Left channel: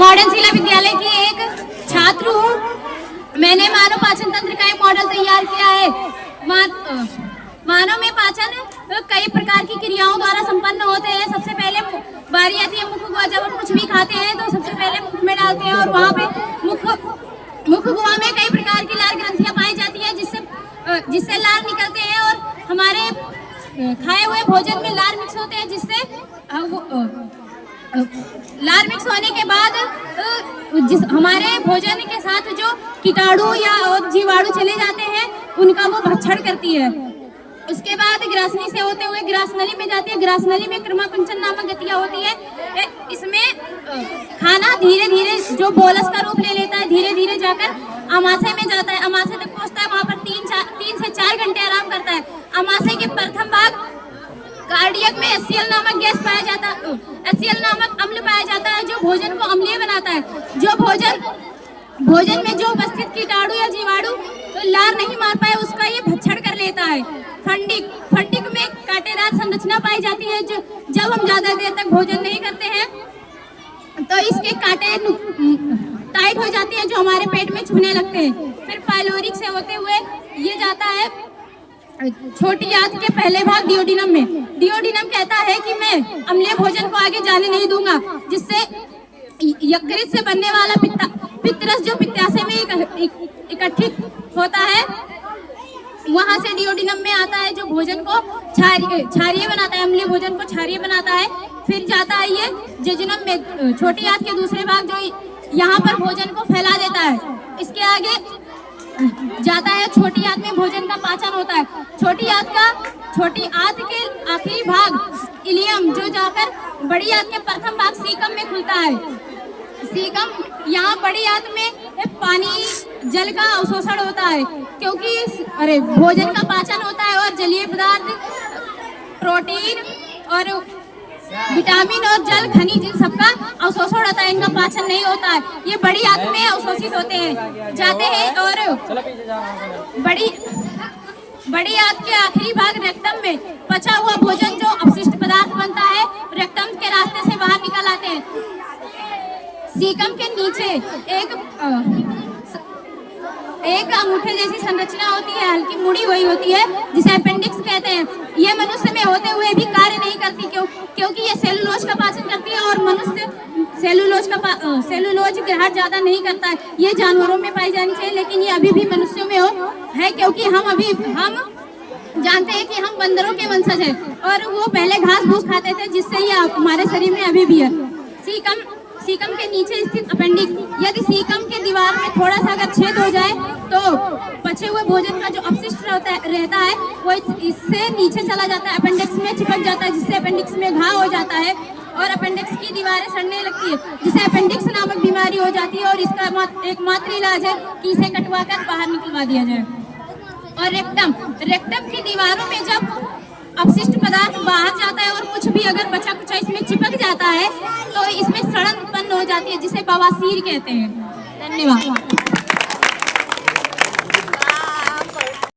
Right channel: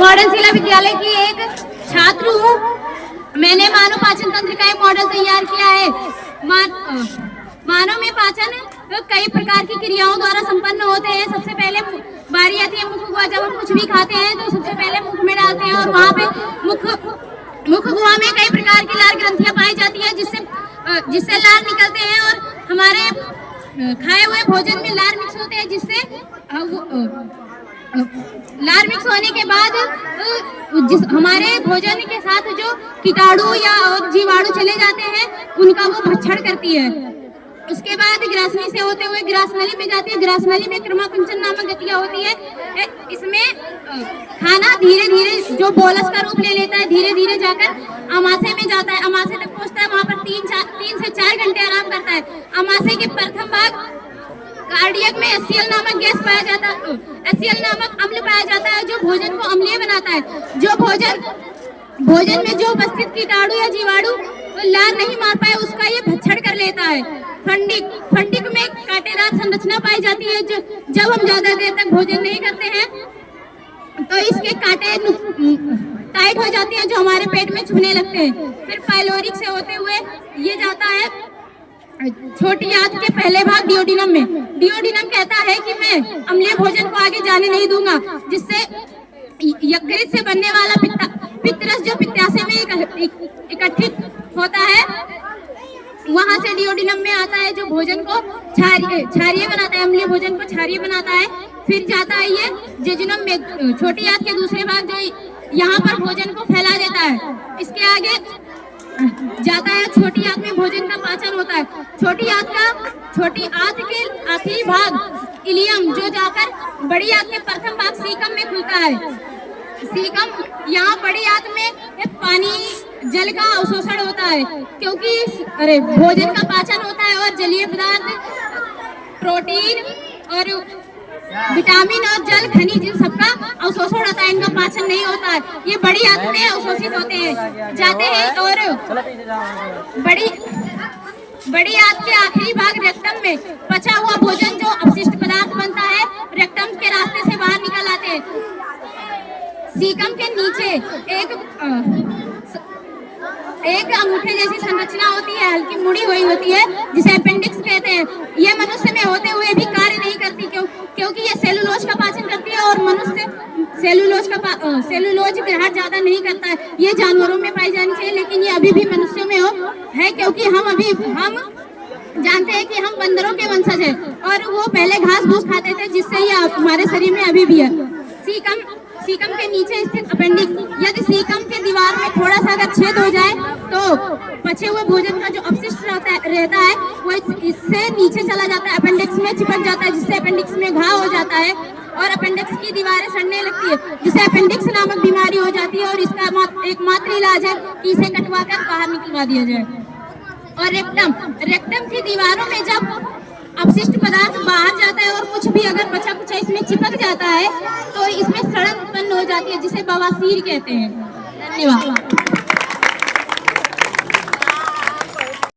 Modern शिला विद्यालय की एक छात्र हूँ। मैंने मानव पाचन तंत्र का एक मॉडल तैयार किया है। मानव में पाचन कई प्रकार की क्रियाओं द्वारा संपन्न होते हैं। सबसे पहले बारी आती है मुख गुहा। जब हम कुछ भी खाते हैं तो सबसे पहले मुख में डालते हैं और वहाँ पे मुख गुहा में कई प्रकार की लार ग्रंथियां पाई जाती है जिससे लार निकलते हैं और हमारे खाए हुए भोजन में लार मिक्स होते हैं, जिससे लार मिक्स होने के बाद हमारे भोजन के साथ जो कीटाणु या जीवाणु चले जाते हैं उनका वो भक्षण करती है। उसके बाद ग्रासनी से होते हुए ग्रासनली में जाती है। ग्रासनली में क्रमाकुंचन नामक गतियां होती है। इसमें खाना धीरे धीरे जो बोलस का रूप ले लेता है, धीरे धीरे जाकर अमाशय में जाता है। अमाशय तक पहुंचता है, वहां पर 3 से 4 घंटे आराम करता है। अमाशय के प्रथम भाग कार्डियक में HCl नामक गैस पाया जाता है, HCl नामक अम्ल पाया जाता है जो भोजन को अम्लीय बनाता है। जो भोजन में जो उपस्थित कीटाणु या जीवाणु लार नहीं मार पाए उसका ये भक्षण कर लेता है। फंडिक में कांटेदार संरचना पाई जाती है। जो जब हम ज्यादा देर तक भोजन नहीं करते हैं तो इसके कांटे टाइट हो जाते हैं जो हमारे पेट में चुभने लगते हैं। फिर पाइलोरिक से होते हुए ये जाता है छोटी आंत के पहले भाग डिओडिनम में। डिओडिनम कहता है कि मैं अम्लीय भोजन को आगे जाने नहीं दूंगा, जिससे यकृत से बनने वाला पित्तरस जो पित्ताशय में इकट्ठित होता है वहां से डिओडिनम में आता है, जो भोजन को क्षारीय बनाता है, अम्लीय भोजन को क्षारीय बनाता है। फिर जाता है ये जेजुनम में, छोटी आंत के दूसरे भाग जो यहाँ पर भोजन को फैला देता है। इसके आगे जाता है छोटी आंत में भोजन का पाचन होता है। छोटी आंत के आखिरी भाग इलियम जो जाकर बड़ी आंत के प्रथम भाग सीकम में खुलता है। सीकम यहाँ बड़ी आंत में पानी जल का अवशोषण होता है, क्योंकि भोजन का पाचन होता है और जलीय पदार्थ, प्रोटीन और विटामिन और जल खनिज इन सबका अवशोषण होता है, इनका पाचन नहीं होता है। ये बड़ी आंत में अवशोषित जाते हैं और बड़ी आंत के आखिरी भाग रेक्टम में पचा हुआ भोजन जो अपशिष्ट पदार्थ बनता है रेक्टम के रास्ते से बाहर निकल आते हैं। सीकम के नीचे एक अंगूठे जैसी संरचना होती है, हल्की मुड़ी हुई होती है, जिसे अपेंडिक्स कहते हैं। यह मनुष्य में होते हुए भी कार्य नहीं करती, क्योंकि यह सेलुलोज का पाचन करती है और मनुष्य सेलुलोज ग्रहण ज्यादा नहीं करता है। ये जानवरों में पाई जानी चाहिए, लेकिन ये अभी भी मनुष्यों में है, क्योंकि हम जानते हैं कि हम बंदरों के वंशज हैं और वो पहले घास फूस खाते थे, जिससे ये हमारे शरीर में अभी भी है। सीकम के नीचे स्थित अपेंडिक्स, यदि सीकम के दीवार में थोड़ा सा अगर छेद हो जाए तो पचे हुए भोजन का जो अपशिष्ट रहता है वो इससे नीचे चला जाता है, अपेंडिक्स में चिपक जाता है, जिससे अपेंडिक्स में घाव हो जाता है और अपेंडिक्स की दीवारें सड़ने लगती है, जिससे अपेंडिक्स नामक बीमारी हो जाती है। और इसका एकमात्र इलाज है कि इसे कटवाकर बाहर निकलवा दिया जाए। और रेक्टम की दीवारों में जब अपशिष्ट पदार्थ बाहर जाता है और कुछ भी अगर बचा कुछ इसमें चिपक जाता है तो इसमें सड़न उत्पन्न हो जाती है, जिसे बवासीर कहते हैं। धन्यवाद।